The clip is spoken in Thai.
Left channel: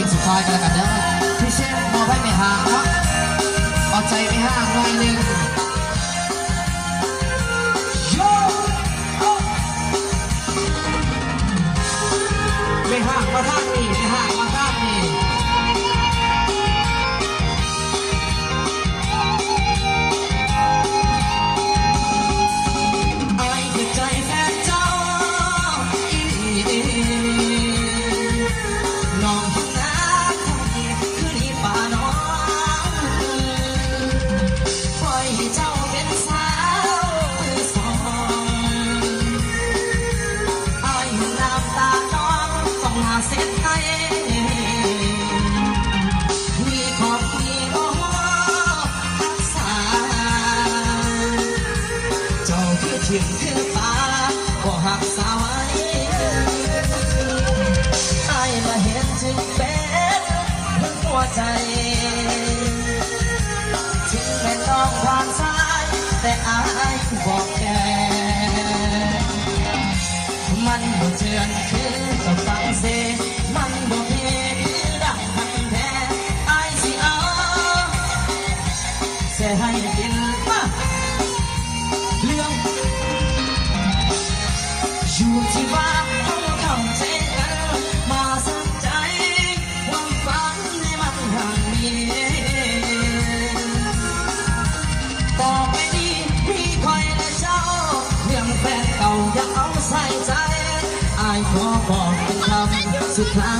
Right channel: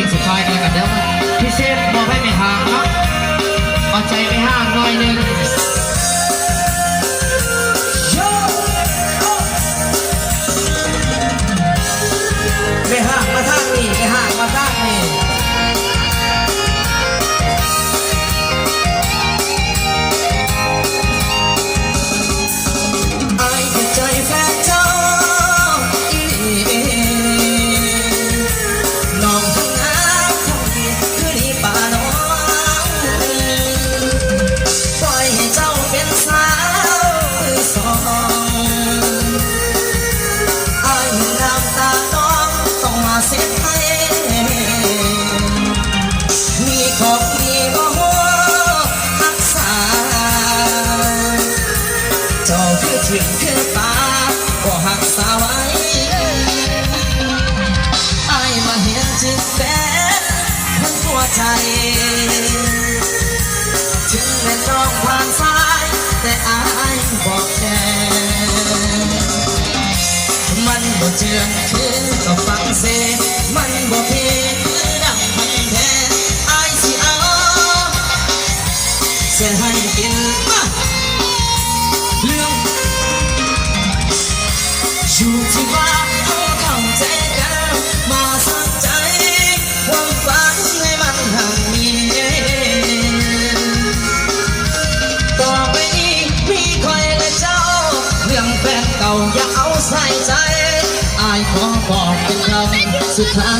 ลงสุดท้ายกันแล้วกันเด้อพี่เชฟมอบให้ไม่ห่างเนาะเอาใจไม่ห่างหน่อยนึงไม่ห่างมาทางนี้ไม่ห่างมาทางนี้ถึงเพื่อตาก็หักสาไว้ไอ้มาเห็นจึงเป็นคนหัวใจถึงแม้ต้องผ่านสายแต่ไอ้บอกแค่มันบ่เจือนคือก็ฟังเสียมันบ่เพียคือดังพันแท้ไอ้สิเอาเสียให้กินเรื่องอยู่ที่ว่าเข้าใจกันมาสักใจความฝันให้มันห่างมีต่อไปนี้มีใครและเจ้าเรื่องแฟนเก่าอย่าเอาใส่ใจอายขอบอกเป็นคำสุดท้าย